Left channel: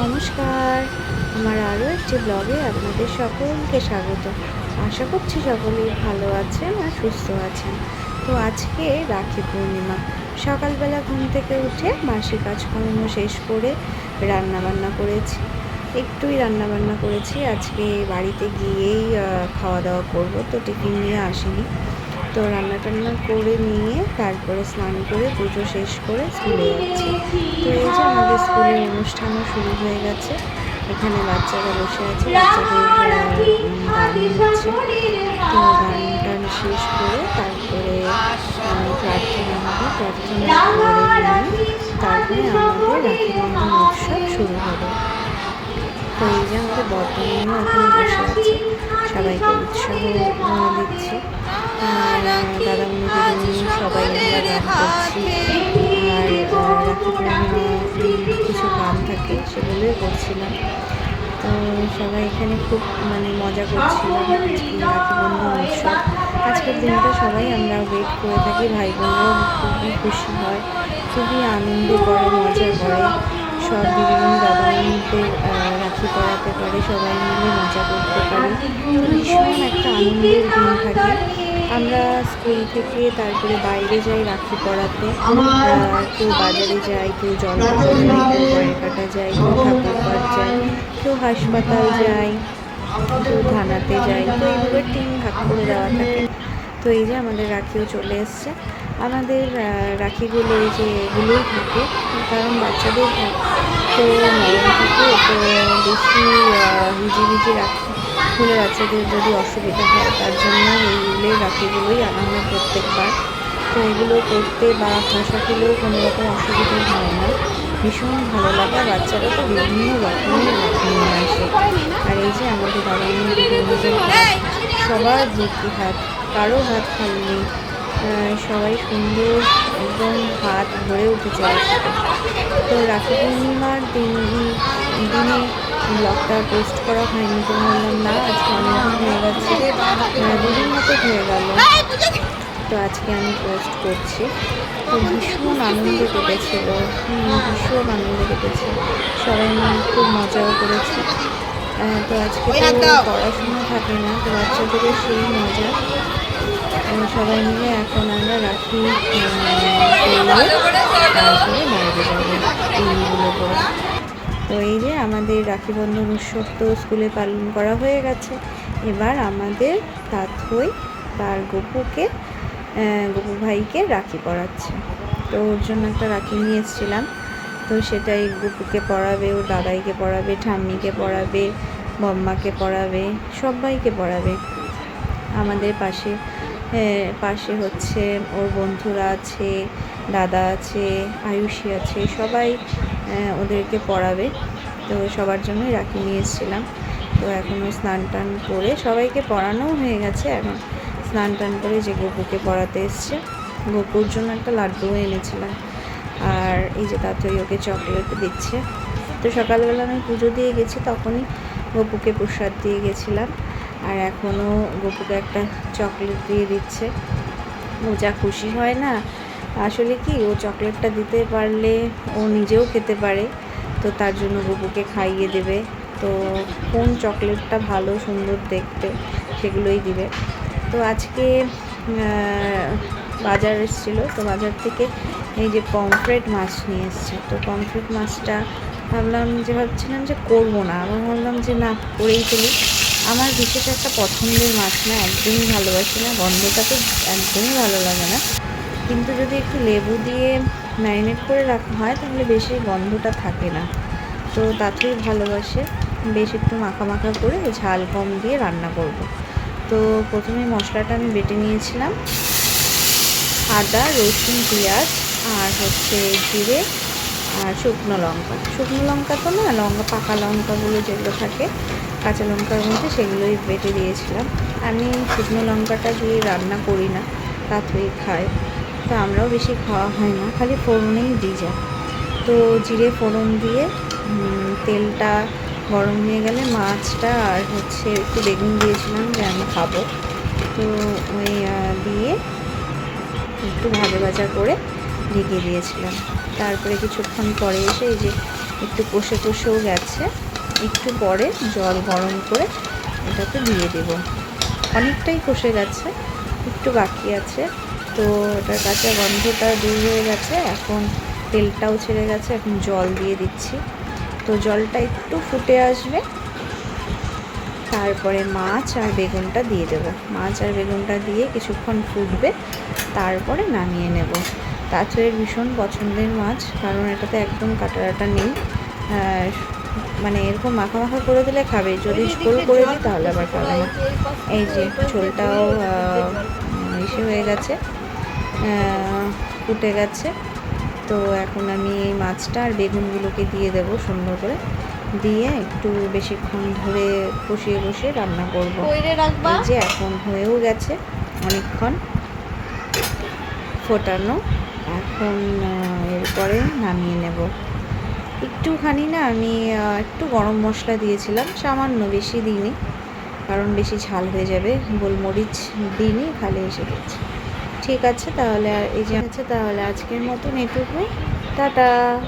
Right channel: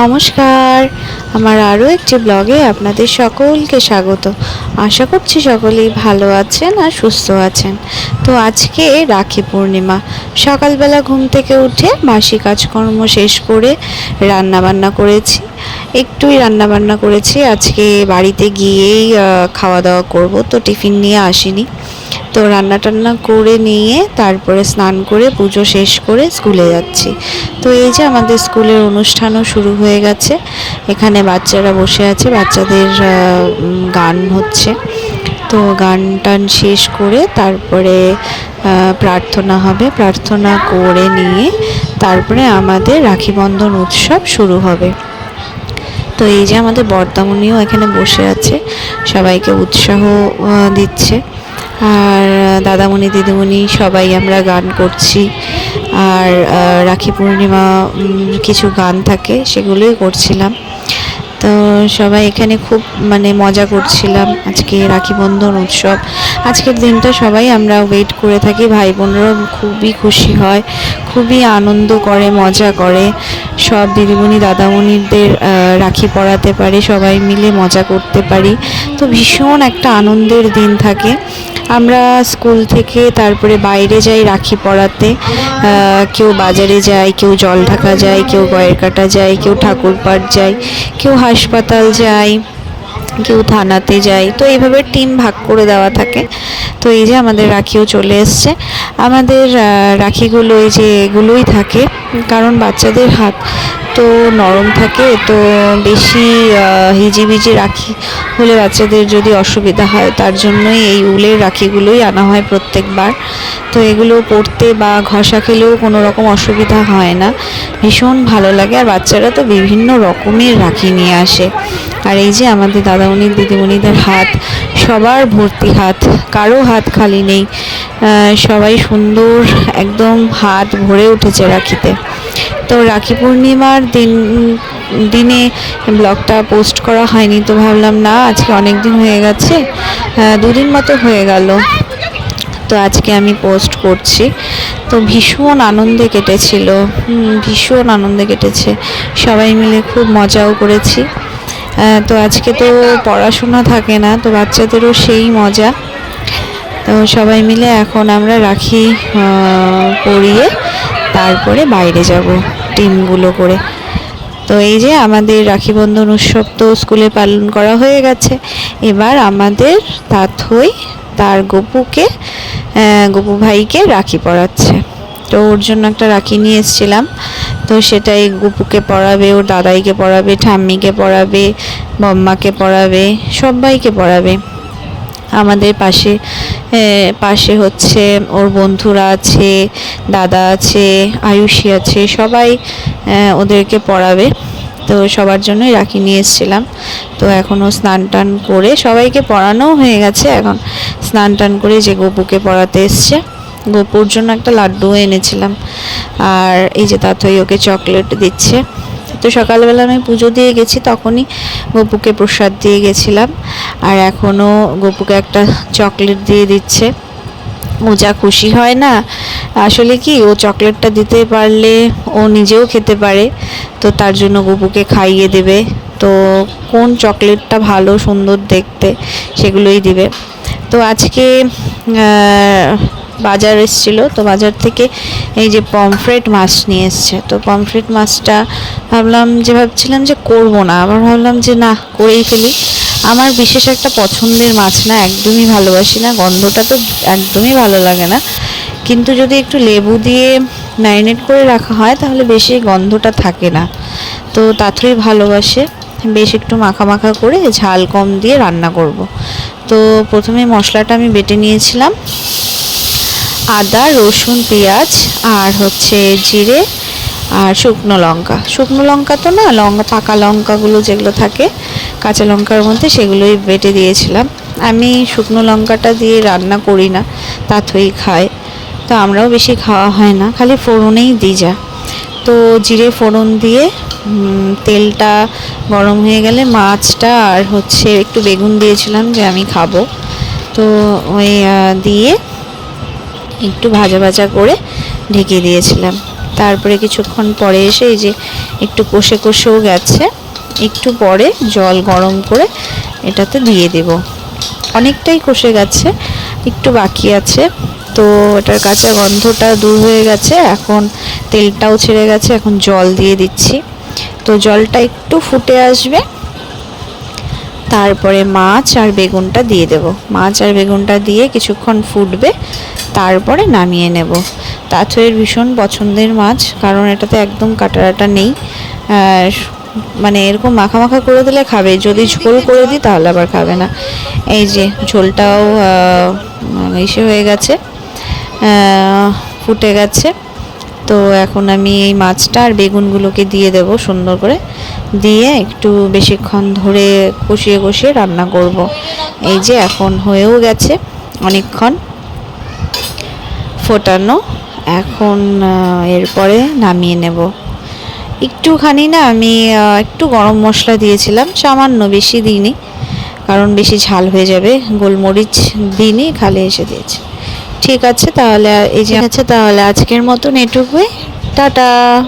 নমস্কার। আমার আরও একটি ব্লগে আপনাদের সকলকে স্বাগত। আশা করছি সকলেই ভালো আছেন আর সুস্থ আছেন। তো আজকে রাখি পূর্ণিমা। সকালবেলা ঘুম থেকে উঠে বাসি কাজকর্ম শেষ করে রান্না বান্না করেছি। একটুই রান্না বান্না করেছি। আজকে বাড়িতে গিয়েই খাওয়া দাওয়া করব। তো টিফিন নিয়ে আসিনি। তো রান্না টান্না করে নিয়ে তারপরে স্নান করে পুজো শেষ করে স্কুলে যাচ্ছি। তো এই যে আমাদের স্কুলের অনুষ্ঠানও শুরু হয়ে গেছে। এখানে বাচ্চারা বসে আছে, বাচ্চাদের গান হচ্ছে। তো গান টান শেষ করে তারপরে প্রার্থনা হবে। প্রার্থনা করে নিয়ে তারপরে আমাদের রাখি বন্ধন উৎসব শুরু হবে। তো এই যে আমাদের বর্তামণিও এখানে বসে আছে। সবাইকে উৎসাহ দিচ্ছে। আর দাদামণি, দিদিমণি সবাই আমরা গান করছি। আর রাখি পূর্ণিমা কিছু গান থাকে, সেগুলোই করছিলাম। তো সবাই এখানে খুব মানে মজা করছিলাম। আজকে রাখি বন্ধন উৎসব। আজকের দিনটা সবাই আমরা ওয়েট করে থাকি। ভাই বোনরাও খুবই খুশি হয়, খুবই আনন্দ করে, মজা করে। সব দিদিমণি, দাদামণিদের রাখি পরাতে পারে, সবাই মিলে মজা করতে পারি। তো ভীষণ একটা আনন্দের দিন থাকে। আমরা স্কুল থেকে তারপরে বাইরে যাই রাখি পড়াতে। কেউ বাজারে যায় কেউ জল ঢাকা যায় কেউ গয়ের কাটা যায় কেউ ঠাকুর পাট যায় কেউ হাসপাতাল যায় কেউ থানাতে যায়। তো এইভাবে টিম ভাগ করে দেওয়া থাকে। তো এই যে আমাদের রাখিও চলে এসছে। আমাদের রাখিগুলো এই যে এগুলোই থাকে। কারণ বাচ্চাদের হাত তো নরম থাকে। তো বেশি হিজিবিজি রাখি হলে বাচ্চাদের যদি অসুবিধা হয়, তার জন্যই এই উলের রাখিগুলোই আনা হয় প্রত্যেকবার। তো এগুলো পরতে বা ঘষা খেলেও কোনো রকম অসুবিধা হয় না। ভীষণ ভালো লাগে। আর বাচ্চারা তো বিভিন্ন রকমের রাখি নিয়ে আসে। আর এই যে আমাদের দাদামণি, দিদিমণিদের হাত, সবার ভর্তি হাত, কারও হাত খালি নেই। সবাই সুন্দর, একদম হাত ভরে উঠেছে রাখিতে। তো রাখি পূর্ণিমার দিন, দিনে ব্লগটা পোস্ট করা হয়নি তো ভাবলাম, না, আজকে অনেক দিন হয়ে গেছে। দুদিন মতো হয়ে গেল। তো আজকে আমি পোস্ট করছি। তো ভীষণ আনন্দে কেটেছিল। ভীষণ আনন্দে কেটেছে। সবাই মিলে খুব মজাও করেছি। তো আজকে তো পড়াশোনা থাকে না, তো বাচ্চাদেরও সেই মজা। তো সবাই মিলে এখন আমরা রাখি পরিয়ে তারপরে বাইরে যাব টিমগুলো করে। তো এই যে আমাদের রাখি বন্ধন উৎসব তো স্কুলে পালন করা হয়ে গেছে। এবার আমাদের তাথই তার গপুকে গপু ভাইকে রাখি পরাচ্ছে। তো ওর জন্য একটা রাখি নিয়ে এসেছিলাম। তো সেটাই গুপুকে পড়াবে, ওর দাদাইকে পড়াবে, ঠাম্মিকে পড়াবে বম্মাকে পড়াবে সবাইকে পড়াবে। আমাদের পাশে পাশে হচ্ছে ওর বন্ধুরা আছে, দাদা আছে, আয়ুষী আছে, সবাই ওদেরকে পড়াবে। তো সবার জন্যই রাখি নিয়ে এসেছিলাম। তো এখনও স্নান টান করে সবাইকে পড়ানোও হয়ে গেছে। এখন স্নান টান করে যে গপুকে পড়াতে এসছে। গপুর জন্য একটা লাড্ডুও এনেছিলাম। আর এই যে তাতই ওকে চকলেট দিচ্ছে। তো সকালবেলা আমি পুজো দিয়ে গেছি, তখনই গপুকে প্রসাদ দিয়ে গেছিলাম। আর এখনও গপুকে একটা চকলেট দিয়ে দিচ্ছে। ও যা খুশি হয় না, আসলে কি ও চকলেটটা দিতে পারলে ও নিজেও খেতে পারে। তো তার জন্য গপুকে খাইয়ে দেবে। তো কোন চকলেটটা ভালো, সুন্দর দেখতে সেগুলোই দিবে। তো আজকে বাজার এসেছিল, তো বাজার থেকে এই যে পমফ্রেট মাছ নিয়ে এসছে। তো পমফ্রেট মাছটা ভাবলাম যে, ভাবছিলাম যে করব না। আবার ভাবলাম যে, না, করেই ফেলি। আমার বিশেষ একটা পছন্দের মাছ না, একদমই ভালোবাসি না, গন্ধটা তো একদমই ভালো লাগে না। কিন্তু যদি একটু লেবু দিয়ে ম্যারিনেট করে রাখা হয়, তাহলে বেশি গন্ধটা থাকে না। তো তাড়াতাড়ি ভালোবাসে। বেশ একটু মাখা মাখা করে ঝাল কম দিয়ে রান্না করব। তো প্রথমে মশলাটা আমি বেটে নিয়েছিলাম। আদা, রসুন, পেঁয়াজ আর হচ্ছে জিরে আর শুকনো লঙ্কা। শুকনো লঙ্কা তো না, লঙ্কা, পাকা লঙ্কাগুলো যেগুলো থাকে, কাঁচা লঙ্কার মধ্যে সেগুলোই বেটে দিয়েছিলাম। আমি শুকনো লঙ্কাটা দিয়ে রান্না করি না তাতেই খায় তো আমরাও বেশি খাওয়া হয় না, খালি ফোড়নেই দিই যা। তো জিরে ফোড়ন দিয়ে তেলটা গরম হয়ে গেলে মাছটা আর হচ্ছে একটু বেগুন দিয়েছিলাম যে আমি খাব। তো ওই দিয়ে একটু ভাজা ভাজা করে ঢেকে দিয়েছিলাম। তারপরে কিছুক্ষণ পরে এসে এই যে একটু কষে কষেও গেছে, একটু পরে জল গরম করে এটাতে দিয়ে দেব। অনেকটাই কষে গেছে, একটু বাকি আছে। তো এটার কাঁচা গন্ধটা দূর হয়ে গেছে, এখন তেলটাও ছেড়ে গেছে, এখন জল দিয়ে দিচ্ছি। তো জলটা একটু ফুটে আসবে তারপরে মাছ আর বেগুনটা দিয়ে দেব। মাছ আর বেগুনটা দিয়ে কিছুক্ষণ ফুটবে তারপরে নামিয়ে নেব। তাথয়ের ভীষণ পছন্দের মাছ কারণ এটাতে একদম কাটারাটা নেই। মানে এরকম মাখা মাখা করে দিলে খাবে যদি ঝোল করে দিই তাহলে আবার খাবে না। এই যে ঝোলটাও আহ, ইসে হয়ে গেছে ফুটে গেছে। তো এখন আমি এই মাছটা আর বেগুনগুলোকে দিয়ে দেব সুন্দর করে। দিয়ে একটু বেশিক্ষণ ধরে কষিয়ে কষিয়ে রান্না করব। এই যে এখন হয়েও গেছে অনেকক্ষণ ফোটানো। এখন এরপরে নামিয়ে নেব। একটুখানি না আমি একটু গরম মশলা দিয়েছিলাম, সামান্য বেশি দিইনি, কারণ বেশি ঝাল হয়ে যাবে। গোলমরিচ দিইনি, খালি এসে দিয়েছি। ঠিক আছে, তাহলে, এই যে আছে, তাহলে আজকের মতন এটুকুই। টাটা!